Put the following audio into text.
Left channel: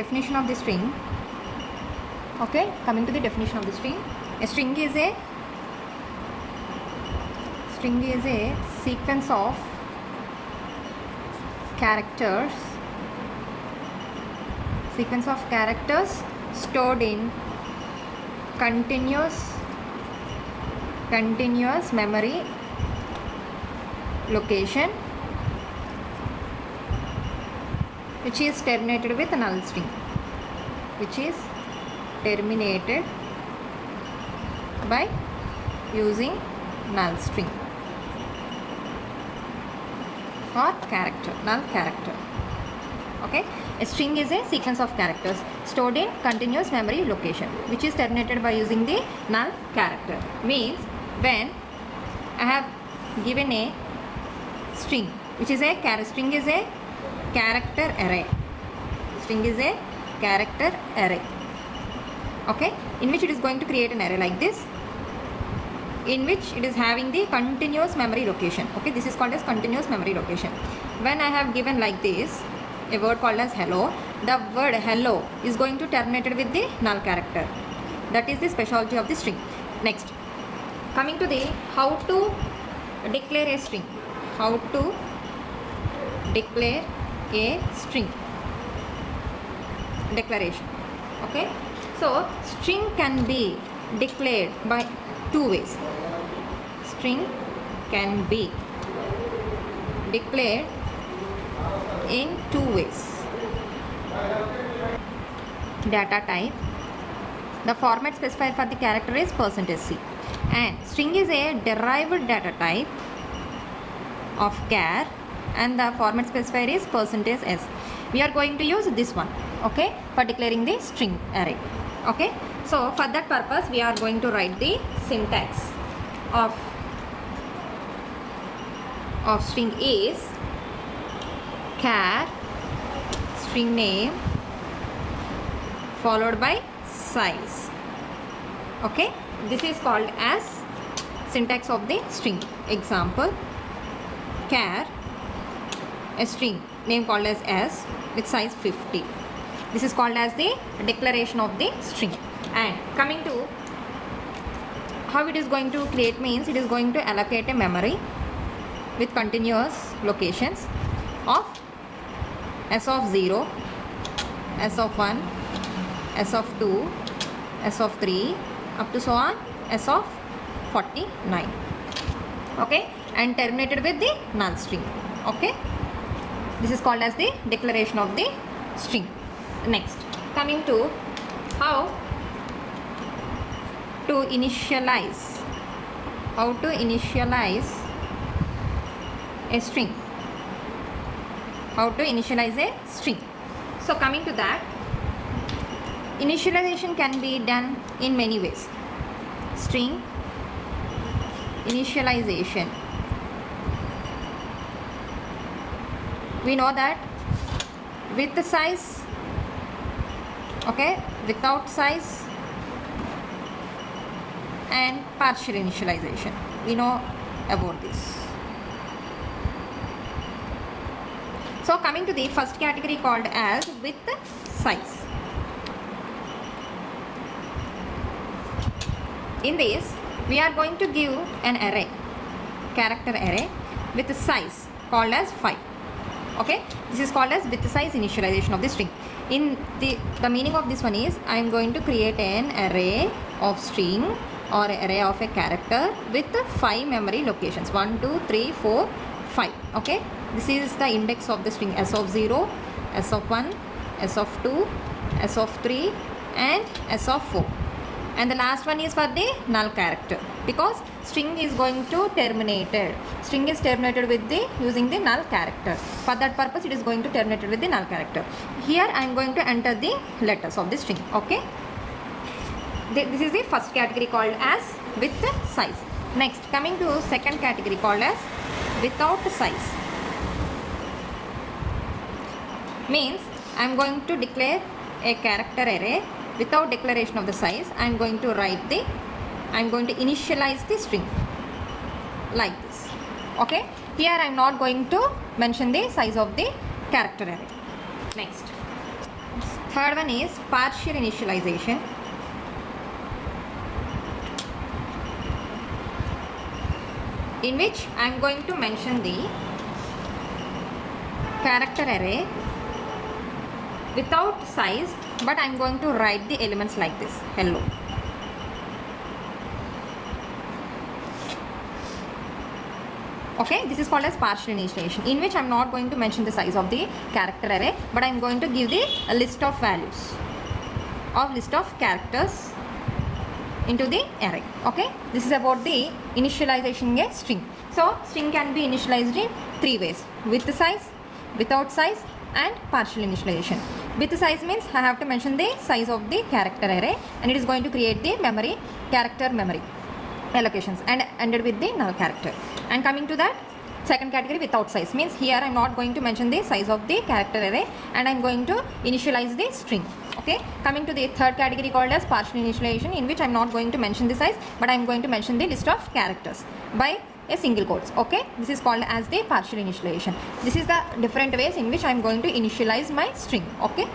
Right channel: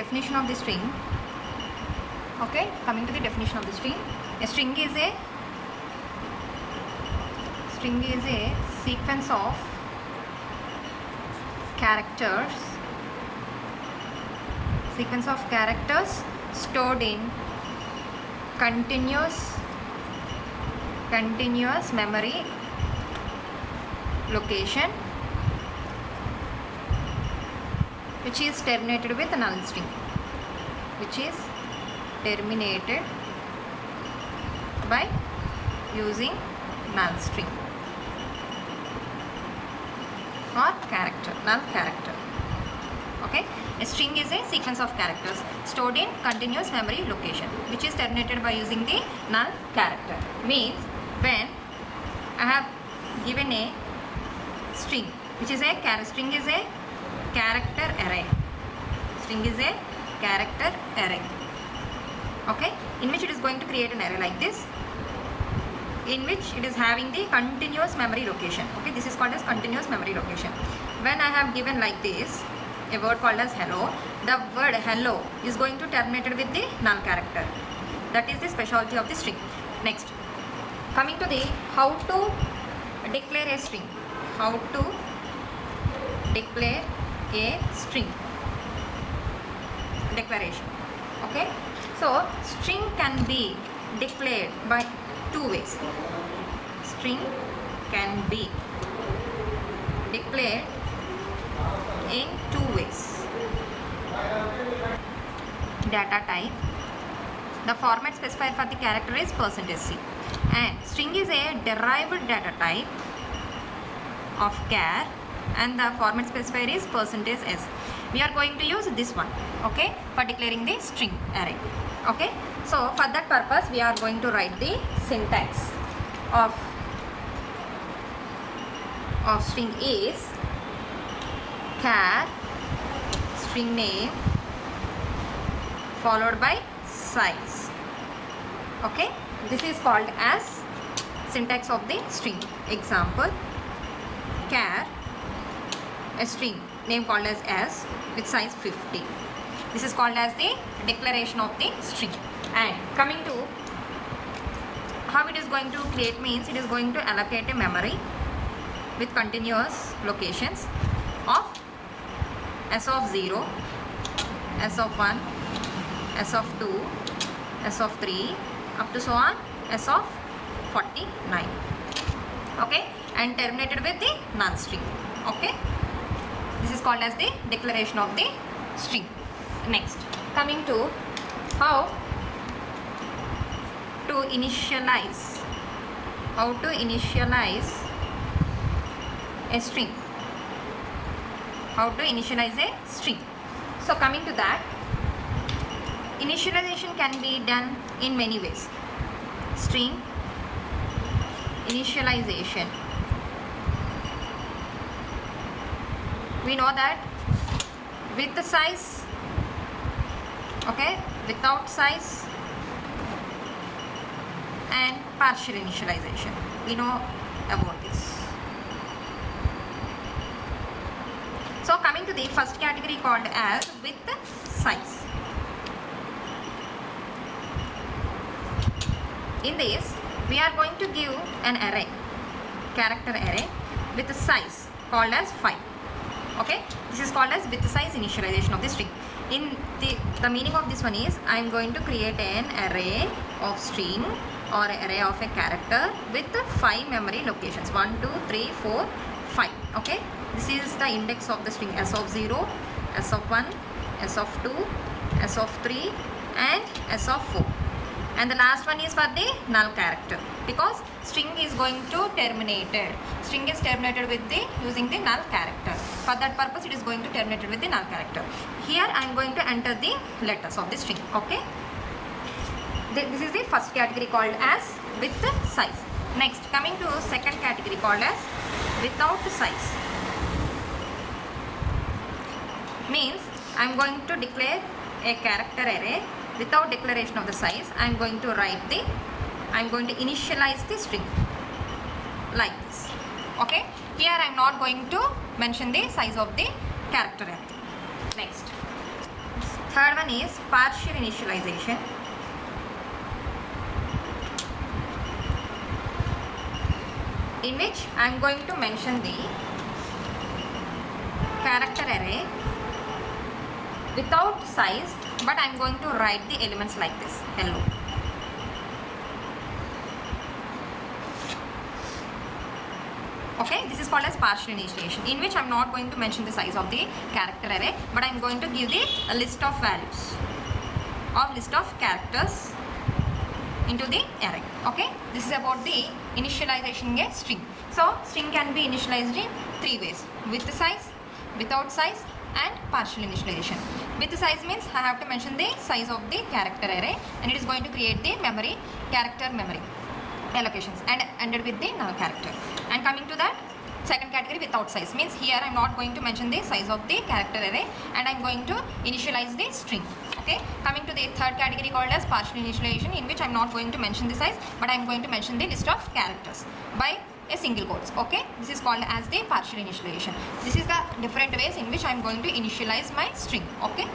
definition of the string. Okay, coming to the definition of the string. A string is a sequence of characters stored in continuous memory location which is terminated with null string, which is terminated by using null string or null character. Okay, a string is a sequence of characters stored in continuous memory location which is terminated by using the null character. Means when I have given a string, which is a string is a character array. String is a character array. Okay, in which it is going to create an array like this, in which it is having the continuous memory location. Okay, this is called as continuous memory location. When I have given like this a word called as hello, the word hello is going to terminate with the null character. That is the specialty of the string. Next, coming to the how to declare a string. How to declare a string. Declaration. Okay, so string can be declared by two ways. String can be declared in two ways. Data type. The format specified for the character is %c, and string is a derived data type of char, and the format specified is %s. We are going to use this one, okay, for declaring the string array. Okay, so for that purpose we are going to write the syntax of string is char string name followed by size. Okay, this is called as syntax of the string. Example, char a string name called as s with size 50. This is called as the declaration of the string. And coming to how it is going to create, means it is going to allocate a memory with continuous locations of s of 0, s of 1, s of 2, s of 3 up to so on s of 49. Okay, and terminated with the null string. Okay, this is called as the declaration of the string. Next, coming to how to initialize a string. How to initialize a string. So coming to that, initialization can be done in many ways. String initialization. We know that with the size, okay, without size, and partial initialization. We know about this. So coming to the first category called as with size. In this, we are going to give an array, character array with a size called as 5. Okay, this is called as with size initialization of the string. In the meaning of this one is I am going to create an array of string or array of a character with 5 memory locations, 1, 2, 3, 4, 5. Okay, this is the index of the string, s of 0, s of 1, s of 2, s of 3 and s of 4. And the last one is for the null character, because string is going to terminated. String is terminated with the using the null character. For that purpose, it is going to terminated with the null character. Here I am going to enter the letters of the string. Okay. This is the first category called as with size. Next, coming to second category called as without size. Means I am going to declare a character array without declaration of the size. I am going to initialize the string like this. Okay, here I am not going to mention the size of the character array. Next, Third one is partial initialization. In which I am going to mention the character array without size, but I am going to write the elements like this. Hello. Okay, this is called as partial initialization, in which I am not going to mention the size of the character array, but I am going to give the list of values of list of characters into the array. Okay, this is about the initialization in a string. So string can be initialized in three ways: with size, without size, and partial initialization. With size means I have to mention the size of the character array, and it is going to create the memory, character memory allocations, and ended with the null character. And coming to that second category, without size, means here I am not going to mention the size of the character array, and I am going to initialize the string. Okay, coming to the third category called as partial initialization, in which I am not going to mention the size, but I am going to mention the list of characters by a single quotes. Okay, this is called as the partial initialization. This is the different ways in which I am going to initialize my string. Okay.